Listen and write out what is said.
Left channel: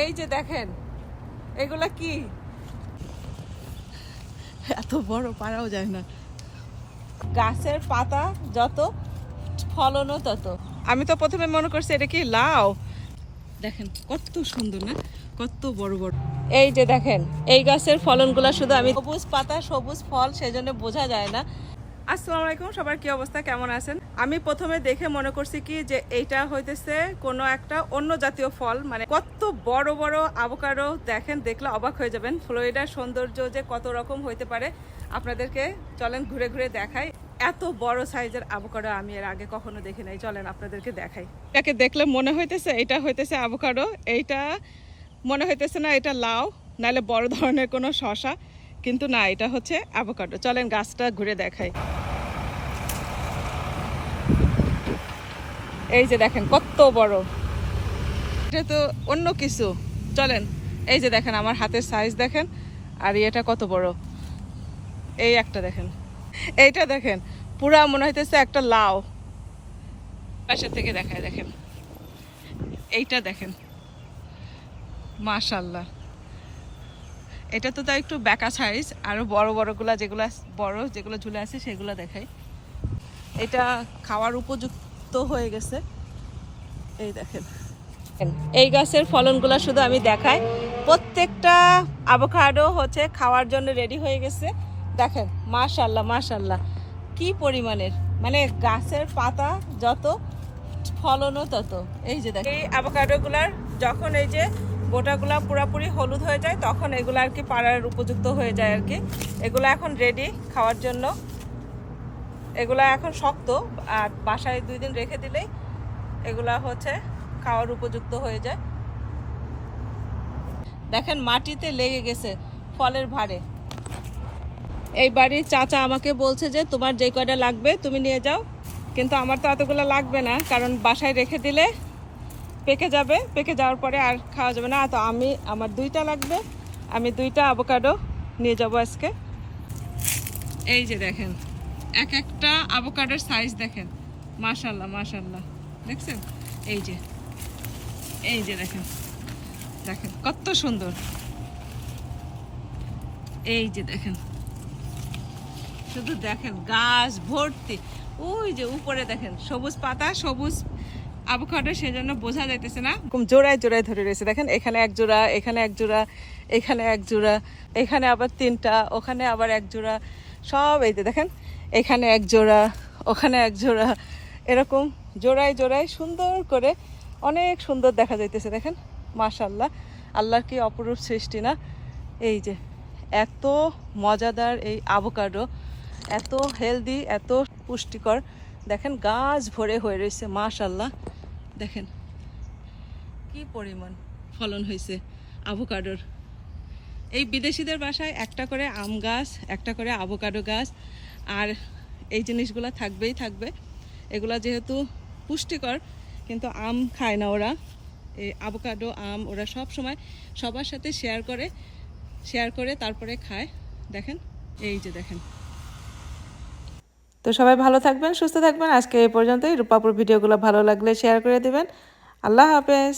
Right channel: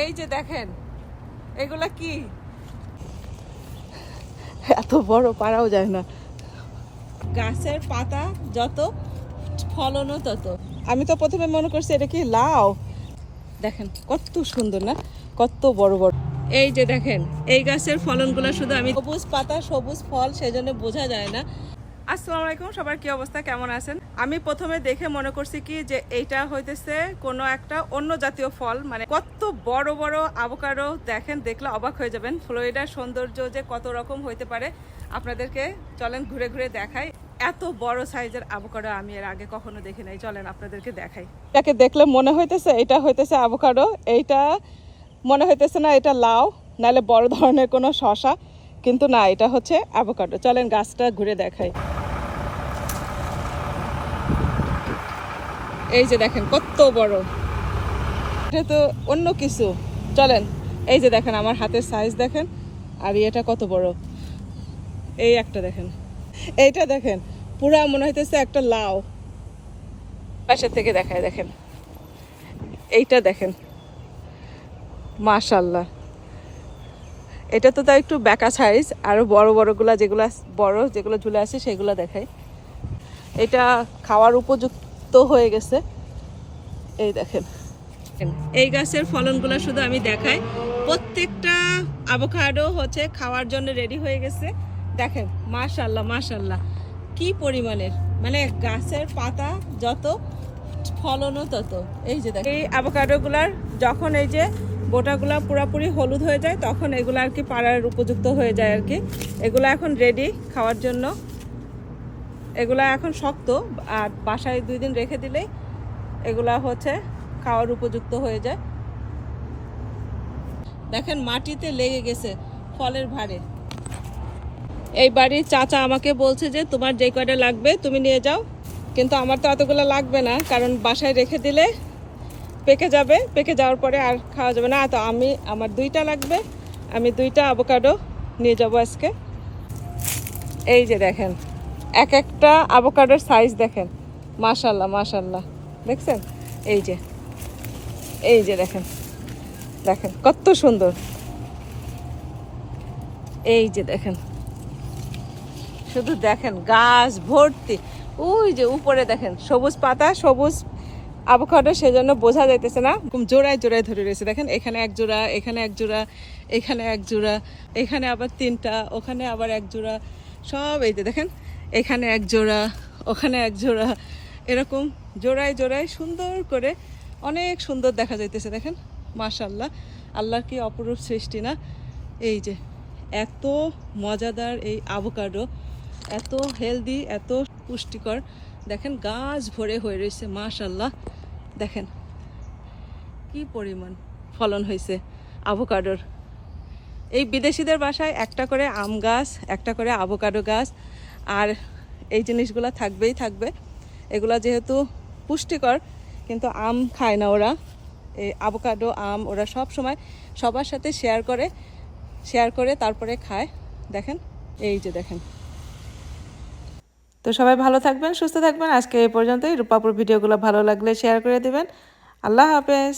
এই যে দেখেন এগুলা কি, এত বড় পারাও যায় না। গাছের পাতা যত ফলনও তত। আমি তো প্রথমে মনে করছি এটা কি লাউ। দেখেন কত সুন্দর না, কত বড় বড়। এই যে দেখেন এই গাছের ফলনগুলো শুধু আমি সবুজ পাতা সবুজ ফল সেজন্য বোঝা যায় না। আসসালামু আলাইকুম, সবার কি অবস্থা, কেমন আছেন? আমি প্রথমে দেখে মনে করছি কি যে এইটা হইতেছে কোনো একটা অন্য জাতীয় ফল, মানে কত বড় বড় আভোকাডো দেখেন, দেখলে অবাক হয়ে যাবেন। ফ্লোরিডার সৌন্দর্য যে কত রকম হইতে পারে আপনাদেরকে চলেন ঘুরে ঘুরে দেখাই। এত বড় সাইজের আভোকাডো আমি এর আগে কখনো দেখি নাই, চলেন আপনাদেরকে দেখাই। এটাকে দেখলে মনে হইতেছে এটা হইতেছে আভোকাডো, এইটা মনে হইতেছে না এটা লাউ নাহলে বড় ধরনের কোনো শসা, কিন্তু না এটা হচ্ছে আভোকাডো। চলেন গাছটা ঘুরে দেখাই। এই যে দেখেন কত বড়, এটা তো অন্য কিছু। চলেন এই যে দেখেন আমার হাতের সাইজ দেখেন, আর এটা কত বড়। এই একটা দেখেন, এইটা দেখেন পুরা মনে হইতেছে একটা লাউ। পাশের থেকে দেখায় দেখেন, এইটা দেখেন মাশাল্লাহ। এটা তো তাই একটু বেঁকা সাইজ, আরো বড় বড়গুলা যেগুলো বড় যেগুলো ঝুলে আছে সেগুলো দেখাই। এটা খাওয়ার উপযুক্ত হয়ে গেছে। এই দেখেন এই গাছের ফলনগুলো শুধু আমি দেখাই। প্রত্যেকটা আভোকাডো হচ্ছে খাওয়ার জন্য রেডি হয়ে গেছে। দেখেন মাশাল্লাহ মাশাল্লাহ কি পরিমাণের, মানে গাছের পাতা যত ফলনও তত। এই যে দেখেন এই আভোকাডোগুলার যখন এই যে গোটাগুলা পুরাপুরি হলুদ হয়ে যায় তখন এগুলো আর কি পাড়ার উপযুক্ত হয়ে যায় আর কি। এগুলো এখন রেডি খাওয়ার জন্য। এগুলা এখন শক্ত, আর বাসায় 2 দিন রেখে দিলেই এগুলা হচ্ছে খাওয়ার উপযুক্ত হয়ে যায়। দেখেন মাটিতে লেগে গেছে ফলের ভারে। এই বাড়ির চাচা আমাকে বলছে যে তোমার যে কয়টা লাগবে তুমি নিয়ে যাও, কিন্তু আমার তো এতগুলো লাগবে না, কারণ বাসায় রেখে দিলে পেকে যাবে, পেকে যাওয়ার পরে আর খাওয়া যাবে না। তো আমার 2টা লাগবে, আমি 2টা আভোকাডো নিয়ে যাব আজকে। এই যে দেখেন এক একটা আভোকাডোর সাইজ দেখেন মাশাল্লাহ মাশাল্লাহ, দেখছেন? এই যে দেখেন দেখেন কত সুন্দর। এই যে দেখেন শুধু দেখেন গাছ ভর্তি, ওই যে উপরে দেখেন সবুজ পাতা সবুজ আভোকাডো, সেজন্য বোঝা যাইতেছে না, জোড়ায় জোড়ায় ধরে রয়েছে। দেখেন এখানে এক জোড়া, এখানে এক জোড়া, এখানে এক জোড়া, এখানে আবার 3টা, ওখানে আবার এক জোড়া, সব এই যে দেখেন এখানে এক জোড়া, ওখানে এক জোড়া, এরকম জোড়ায় জোড়ায় সুন্দর করে অনেক সুন্দর দেখা যাইতেছে। দেখেন মাশাল্লাহ, আল্লাহর কি অপরূপ সৃষ্টি না। এই যে এত মজাদার এই আভোকাডো, এত হেলদি, এত পুষ্টিকর। দেখেন গাছ ভরে হয়ে রয়েছে মাশাল্লাহ। দেখেন কি পরিমাণ ফলন হয়েছে আভোকাডোর। এই বিদেশিদের বাসায় একটা করে আম গাছ, একটা করে আভোকাডো গাছ, আর এই জিনিসগুলো থাকবেই থাকবে। এগুলা যেহেতু পুষ্টিকর, কিন্তু আম খায় না ওরা। এই আভোকাডো আম ওরা সব সময় সবার সাথে শেয়ার করে তারপরে খায়। দেখেন এই যে দেখেন। তো সবাই ভালো থাকবেন, সুস্থ থাকবেন। আজকে এই পর্যন্তই। রূপাপুর ভিডিওগুলো ভালো লাগলে শেয়ার করে দিবেন। আল্লাহ হাফেজ।